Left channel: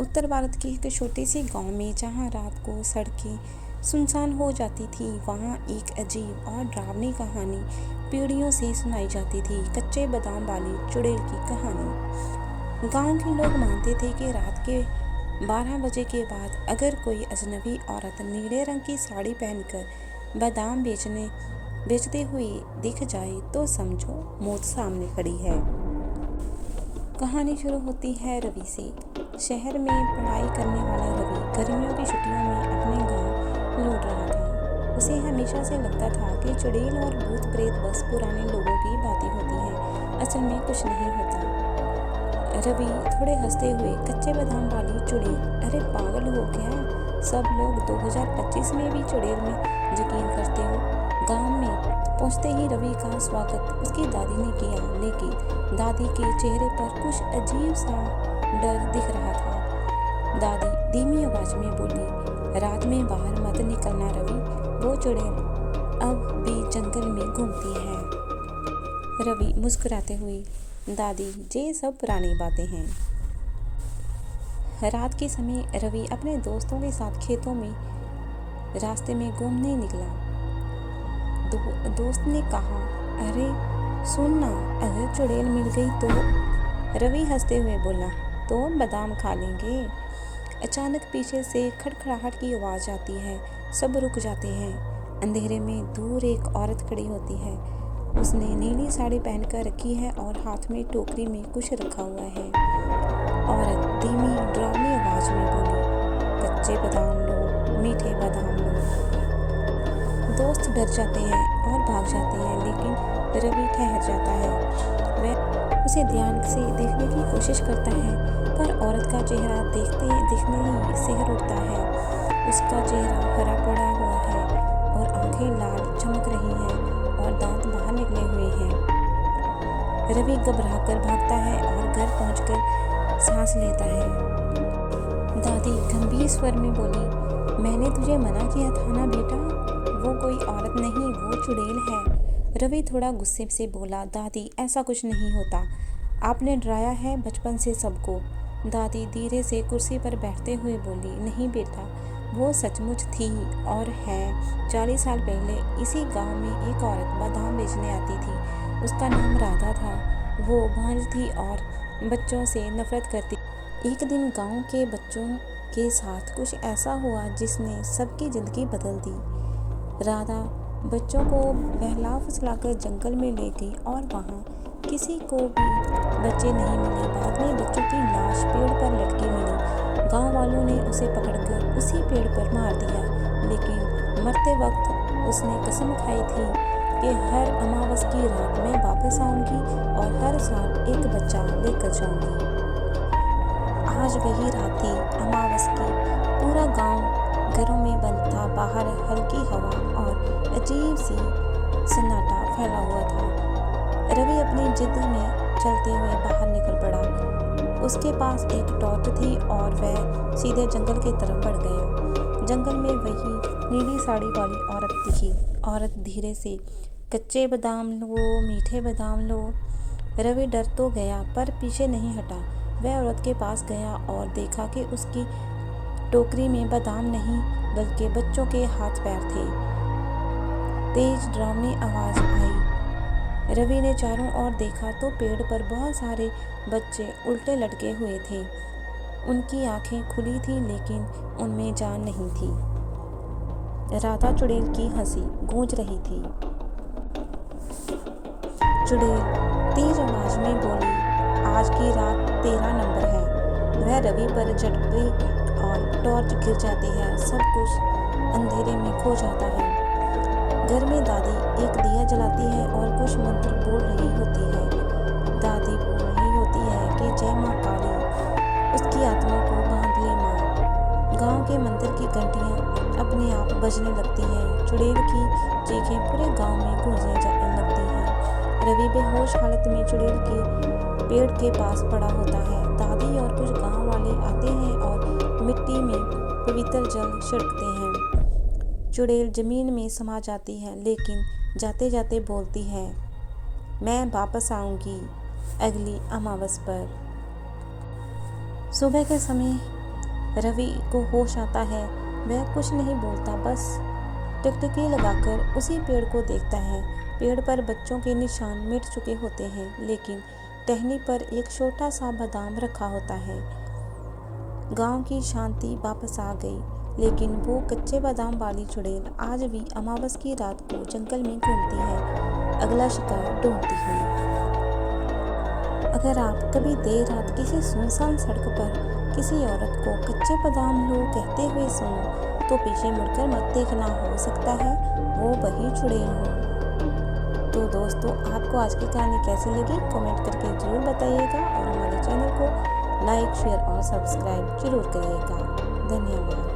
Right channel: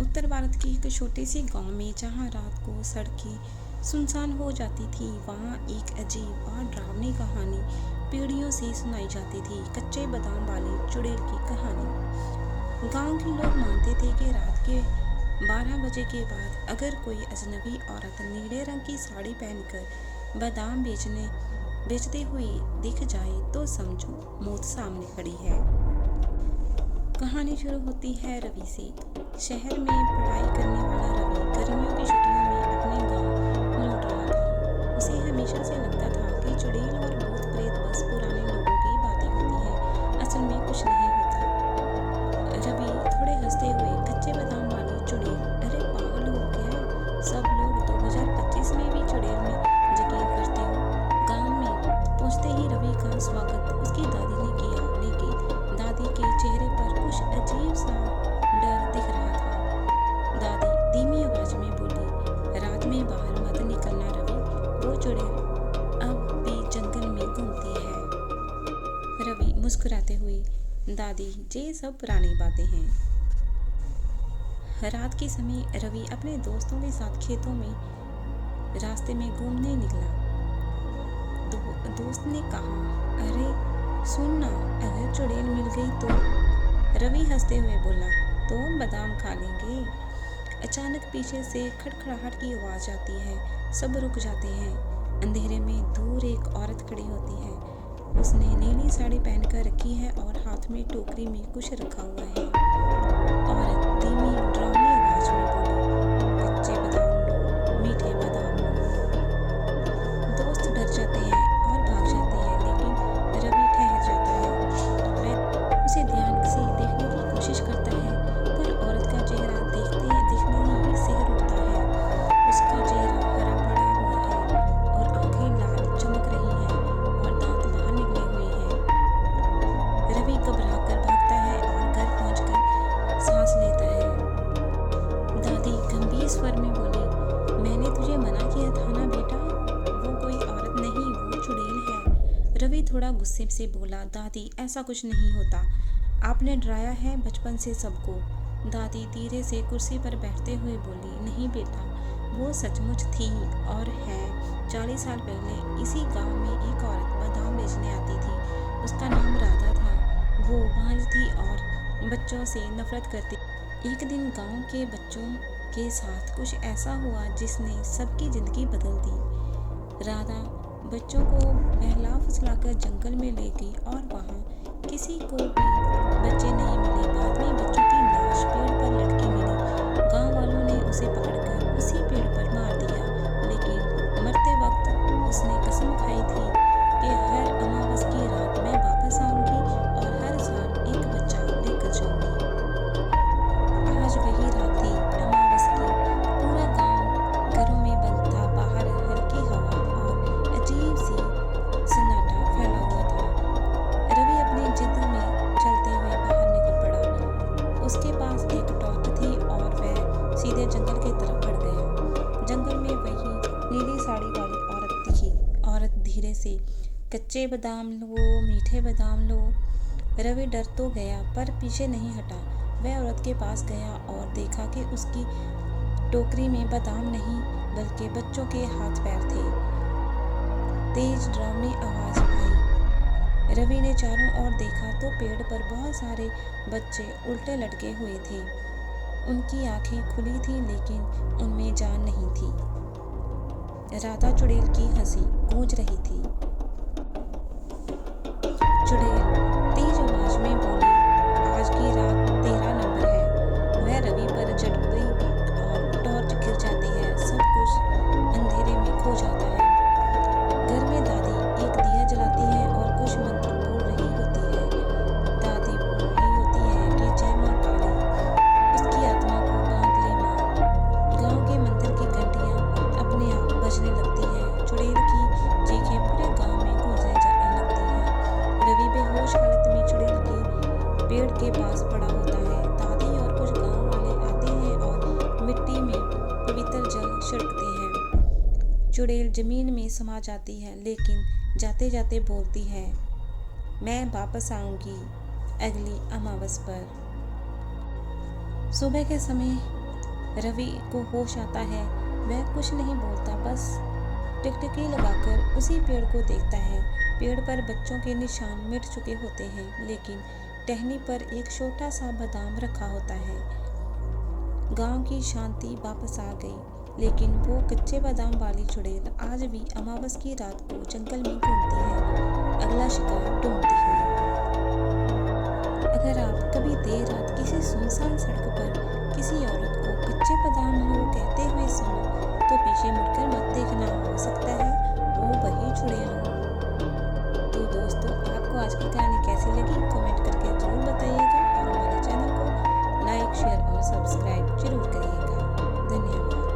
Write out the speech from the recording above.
उत्तर भारत के एक छोटे से गांव में जहां रात को सड़कें सुनसान हो जाती थी, वहां एक अजीब और डरावनी कहानी पीढ़ियों से सुनाई जाती थी। कच्चे बादाम वाली चुड़ैल की कहानी। गांव के लोग मानते थे कि रात के 12 बजे के बाद अगर कोई अजनबी औरत नीले रंग की साड़ी पहनकर बादाम बेचते हुए दिख जाए तो समझो मौत सामने खड़ी है। कहानी शुरू होती है रवि से। शहर में पढ़ाई करने वाला रवि गर्मियों की छुट्टियों में अपने गांव लौट रहा था। उसे हमेशा से लगता था कि चुड़ैल और भूत प्रेत बस पुराने लोगों की बातें होती हैं, असल में कुछ नहीं होता। रवि थोड़े हंसते हुए, कच्चे बादाम वाली चुड़ैल, अरे पागल हो क्या? सब लोग 2025 में भी चुड़ैल में यकीन करते हो। गांव में पहुंचते ही रवि का स्वागत उसकी दादी ने किया, लेकिन दादी के चेहरे पर कुछ अजीब सा डर दिख रहा था। दादी धीमी आवाज में बोली, रात में बाहर मत निकलना रवि, वो चुड़ैल अब भी जंगल में घूमती है। रवि मुस्कुराते हुए, दादी ये सब पुरानी बातें हैं। रात के समय रवि अपने दोस्तों के साथ खेतों में रास्ते में घूमने निकला। दोस्त ने कहा, अरे सुन ना, अगर चुड़ैल मिल गई तो? रवि हंसते हुए बोला, तो बादाम खा लेंगे। अचानक पीछे से खड़खड़ाहट की आवाज आती है। सब रुक जाते हैं। अंधेरे में दूर एक औरत खड़ी होती है। उसने नीली साड़ी पहनकर रखी है और हाथ में टोकरी में कुछ रखा हुआ है। औरत धीमी डरावनी आवाज में बोली, कच्चे बादाम लो, मीठे बादाम लो। दोस्त डर जाते हैं और भाग जाते हैं, लेकिन रवि ठहर जाता है। वह उसे ध्यान से देखने की कोशिश करता है, पर औरत का चेहरा देखने ही सिहर उठता है। उसका चेहरा हरा पड़ा हुआ है और आंखें लाल चमक रही हैं और दांत बाहर निकले हुए हैं। रवि घबराकर भागता है और घर पहुंचकर सांस लेता है। दादी गंभीर स्वर में बोली, मैंने तुझे मना किया था ना बेटा, वो कोई औरत नहीं, वो चुड़ैल है। रवि थोड़ा गुस्से से बोला, दादी ऐसा कुछ नहीं होता, आपने डराया है बचपन से सबको। दादी धीरे से कुर्सी पर बैठते हुए बोली, नहीं बेटा, वो सचमुच थी और है। 40 साल पहले इसी गांव में एक औरत बादाम बेचने आती थी। उसका नाम राधा था। वो बांझ थी और बच्चों से नफरत करती। एक दिन गांव के बच्चों के साथ कुछ ऐसा हुआ जिसने सबकी जिंदगी बदल दी। राधा बच्चों को बहला फुसलाकर जंगल में ले गई और वहाँ किसी को भी बच्चे नहीं मिले। बाद में बच्चों की लाश पेड़ पर लटकी मिली। गांव वालों ने उसे पकड़कर उसी पेड़ पर मार दिया, लेकिन मरते वक्त उसने कसम खाई थी कि हर अमावस की रात मैं वापस आऊंगी और हर साल एक बच्चा लेकर जाऊंगी। आज वही रात थी, अमावस की। पूरा गांव घरों में बंद था। बाहर हल्की हवा और अजीब सी सन्नाटा फैला हुआ था। रवि अपनी जिद में चलते हुए बाहर निकल पड़ा। उसके पास एक टॉर्च थी और वह सीधे जंगल की तरफ बढ़ गया। जंगल में वही नीली साड़ी वाली औरत दिखी। औरत धीरे से, कच्चे बादाम लो, मीठे बादाम लो। रवि डर तो गया पर पीछे नहीं हटा। वह औरत के पास गया और देखा कि उसकी टोकरी में बादाम नहीं बल्कि बच्चों के हाथ पैर थे। तेज डरावनी आवाज आई। रवि ने चारों ओर देखा तो पेड़ पर बहुत सारे बच्चे उल्टे लटके हुए थे। उनकी आंखें खुली थी लेकिन उनमें जान नहीं थी। राधा चुड़ैल की हंसी गूंज रही थी। चुड़ैल तेज आवाज में बोली, आज की रात तेरा नंबर है। वह रवि पर झट गई और टॉर्च गिर जाती है। सब कुछ अंधेरे में खो जाता है। घर में दादी एक दिया जलाती है और कुछ मंत्र बोल रही होती है। दादी बोल रही होती है कि जय माँ काली, उसकी आत्मा को बांध ले माँ। गांव के मंदिर की घंटियां अपने आप बजने लगती हैं। चुड़ैल की चीखें पूरे गांव में गूंजने लगती हैं। रवि बेहोश हालत में चुड़ैल के पेड़ के पास पड़ा होता है। दादी और कुछ गांव वाले आते हैं और मिट्टी में पवित्र जल छिड़कते हैं। चुड़ैल जमीन में समा जाती है, लेकिन जाते जाते बोलती है, मैं वापस आऊंगी अगली अमावस पर। सुबह के समय रवि को होश आता है। वह कुछ नहीं बोलता, बस टिकटिकी लगाकर उसी पेड़ को देखता है। पेड़ पर बच्चों के निशान मिट चुके होते हैं, लेकिन टहनी पर एक छोटा सा बादाम रखा होता है। गांव की शांति वापस आ गई, लेकिन वो कच्चे बादाम वाली चुड़ैल आज भी अमावस की रात को जंगल में घूमती है, अगला शिकार ढूंढती हुई। अगर आप कभी देर रात किसी सुनसान सड़क पर किसी औरत को कच्चे बादाम लो कहते हुए सुनो, तो पीछे मुड़कर मत देखना, हो सकता है वो वही चुड़ैल हो। तो दोस्तों, आपको आज की कहानी कैसी लगी कमेंट करके ज़रूर बताइएगा और हमारे चैनल को लाइक, शेयर और सब्सक्राइब जरूर करिएगा। धन्यवाद।